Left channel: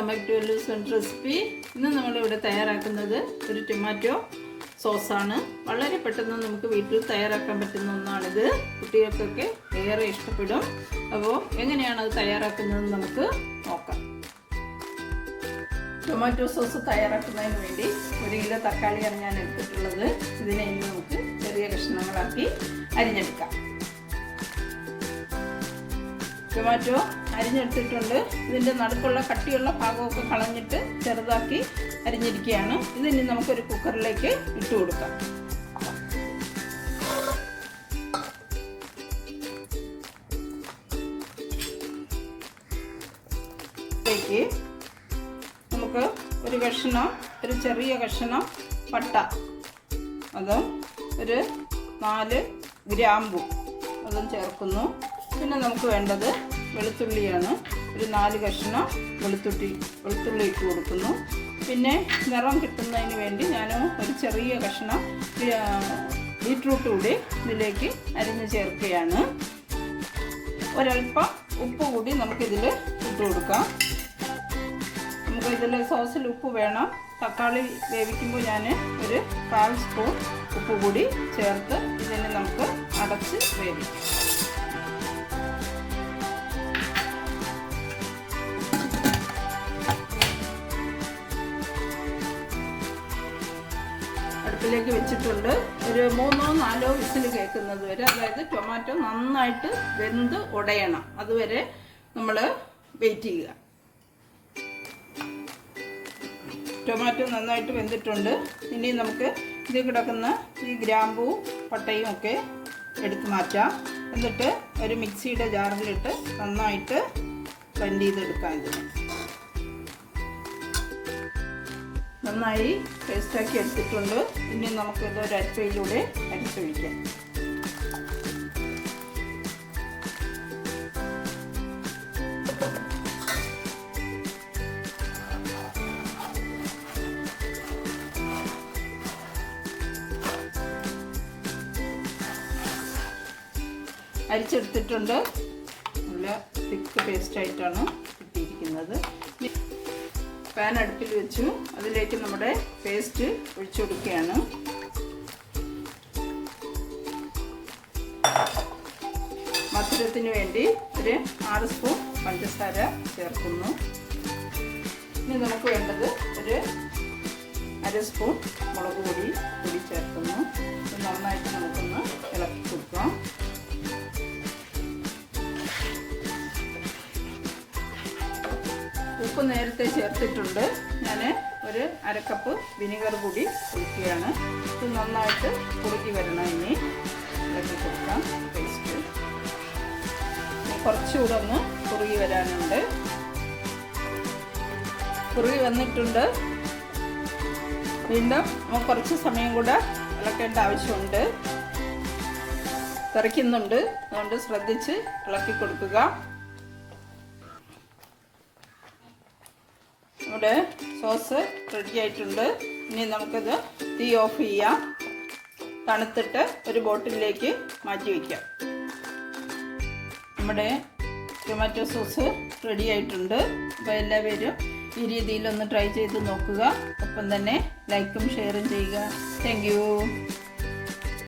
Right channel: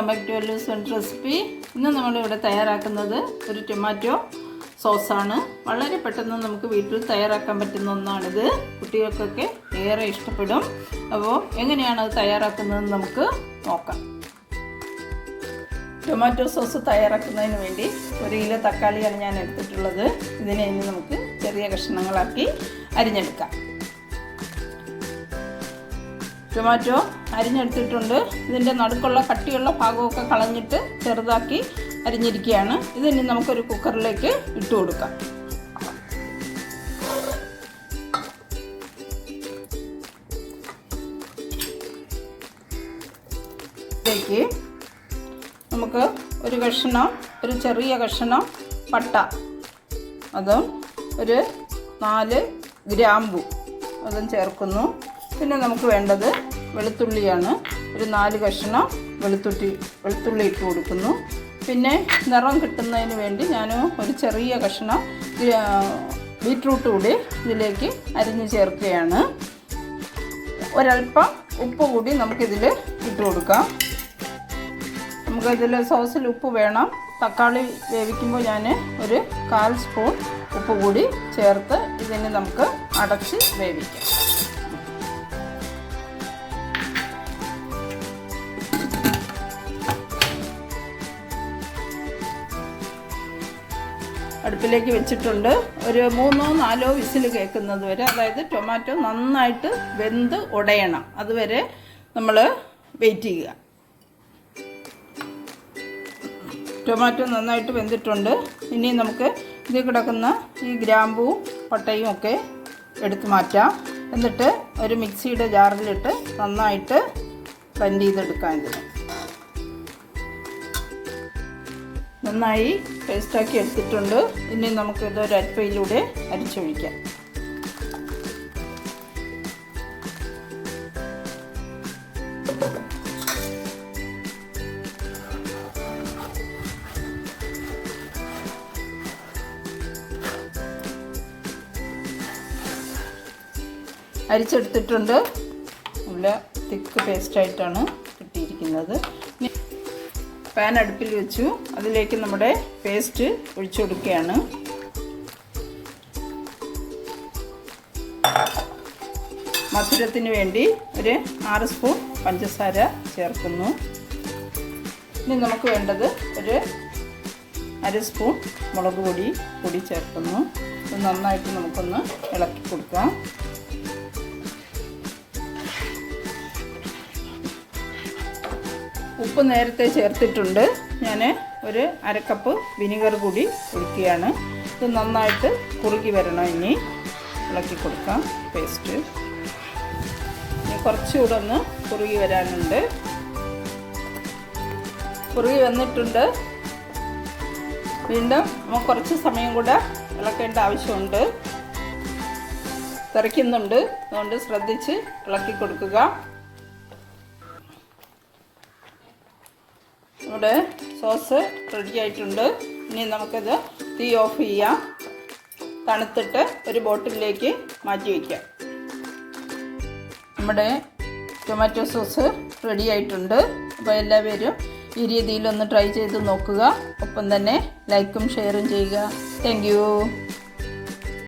Welcome back recipe ഇന്ന് നമ്മളിവിടെ തയ്യാറാക്കുന്നത് ഒരു ടൊമാറ്റോ സോസാണ്. വളരെ പെട്ടെന്ന് നമുക്ക് വീട്ടിൽ തയ്യാറാക്കാൻ പറ്റുന്ന ഒന്നാണിത്. കുട്ടികൾക്കൊക്കെ ഏറെ ഇഷ്ടപ്പെടും. അപ്പോൾ എങ്ങനെയാണ് അത് തയ്യാറാക്കുന്നതെന്ന് നമുക്ക് നോക്കാം. ടൊമാറ്റോ സോസ് തയ്യാറാക്കുന്നതിന് വേണ്ടി ഒരു കിലോ തക്കാളിയാണ് ഞാൻ എടുത്തിട്ടുള്ളത്. ഇതിനെ ഇനി നമുക്ക് ചെറിയ കഷ്ണങ്ങളാക്കി അരിഞ്ഞെടുക്കാം. ടൊമാറ്റോ അരിഞ്ഞെടുത്തിട്ടുണ്ട്. ഇതിന്റെ നടുക്കുള്ള കട്ടിയുള്ള ഭാഗമൊക്കെ കളഞ്ഞിട്ട് ചെറുതാക്കി അരിഞ്ഞിരിക്കുകയാണ്. ഇതിനി നമുക്കൊരു കുക്കറിലേക്ക് ഇട്ട് കൊടുക്കാം. ഇതിലേക്ക് നമുക്ക് ഒരു കഷ്ണം ഒരു ചെറിയ കഷ്ണം പട്ട. അതും ഒരു നാല് ഗ്രാമ്പു. അതും ചേർക്കുന്നു. പിന്നെ നമുക്ക് വേണ്ടത് വെളുത്തുള്ളിയാണ്. ഒരു നാല് കഷ്ണം വെളുത്തുള്ളി വെളുത്തുള്ളി ഇട്ട് കൊടുക്കുന്നു. പിന്നെ നിറം കിട്ടുന്നതിന് വേണ്ടി ഞാൻ ഒരു ചെറിയ കഷ്ണം ബീറ്റ്റൂട്ട് കൂടി ഇതിലേക്ക് അരിഞ്ഞ് ചേർക്കുകയാണ്. ഒരൽപ്പം ഉപ്പ് കൂടി നമുക്കിതിൽ ഇട്ട് കൊടുക്കാം. നമുക്ക് ഇതിൽ സോസിൽ ഉപ്പ് വേണം. തക്കാളി വേവിക്കുമ്പോൾ ഞാൻ ഒരു കാൽ സ്പൂൺ ഉപ്പ് കൂടി ചേർത്ത് ഇതിനെ നമുക്ക് അടച്ച് വേവിക്കാം. അടുപ്പിലേക്ക് വെച്ചിട്ടുണ്ട്. ഒരു മൂന്നോ നാലോ വിസിൽ കേൾക്കുന്നത് വരെ അതായത് ടൊമാറ്റോ നന്നായിട്ട് വെന്ത് ഉടയണം അതുവരെ നമ്മൾ വെയിറ്റ് ചെയ്യുക. ടൊമാറ്റോ നന്നായിട്ട് വെന്തിട്ടുണ്ട്. ഇനി നമുക്ക് ഇതിൽ കിടക്കുന്ന ഈ ഗ്രാമ്പൂവും പട്ടയും ഒക്കെ എടുത്തു മാറ്റാം. എന്നിട്ട് ഒരു മിക്സിയുടെ ജാറിലിട്ട് നന്നായിട്ട് ബ്ലെൻഡ് ചെയ്തെടുക്കാം ഇതിന്. നന്നായി പേസ്റ്റാക്കി എടുത്തിട്ടുണ്ട്. ഇനി നമുക്കിത് ഒരു അരിപ്പയിലൂടെ അരിച്ചൊഴിക്കാം. അരിച്ചെടുത്തിട്ടുണ്ട്. നല്ല തിക്ക് പേസ്റ്റായിട്ടാണ് കിട്ടിയിരിക്കുന്നത്. പാൻ അടുപ്പിൽ വെച്ചു. അതിലേക്ക് നമ്മുടെ പേസ്റ്റ് ഒഴിച്ചു കൊടുക്കുകയാണ്. മധുരത്തിന് വേണ്ടി ഒരു ആറ് സ്പൂൺ പഞ്ചസാര ചേർക്കുന്നു. ഇനി നമുക്ക് വേണ്ടത് ഒരു അര സ്പൂൺ മുളക് പൊടി പൊടി ചേർക്കുന്നു. നന്നായിട്ട് നമുക്കൊന്ന് ഇളക്കി കൊടുക്കാം. ഉപ്പ് നേരത്തെ ചേർത്തിട്ടുണ്ട്. ഞാൻ ഒരു അരക്കപ്പ് വിനിഗർ കൂടി ഒഴിക്കുകയാണ്. ഇത് നന്നായിട്ട് കുറുകി വരണം ഇനി. ഇളക്കി കൊടുക്കാം. പേസ്റ്റ് കുറച്ചുകൂടെ ഒന്ന് കുറുകി വരാനുണ്ട്. കുറുകി വന്നിട്ടുണ്ട്. വീണ്ടും നമുക്ക് കുറച്ച് സമയം കൂടെ ഇളക്കേണ്ട ആവശ്യമുണ്ട്. തിറയ്ക്കുന്നുണ്ട് അതുകൊണ്ട് ശ്രദ്ധിച്ച് ഇളക്കി കൊടുക്കുക. നമ്മുടെ സോസ് റെഡി ആയിട്ടുണ്ട്. ഇനി നമുക്കിത് തീ ഓഫ് ചെയ്യാം. തണുത്തിട്ട് ഒരു ബോട്ടിലേക്ക് മാറ്റി വയ്ക്കാം നമ്മുടെ ടൊമാറ്റോ സോസ് റെഡി ആയിട്ടുണ്ട്. അപ്പോൾ എല്ലാവരും ഈ രീതിയിലൊന്ന് ട്രൈ ചെയ്ത് നോക്കുക. ഒപ്പം തന്നെ ലൈക്കും ഷെയറും ചെയ്യുക. താങ്ക്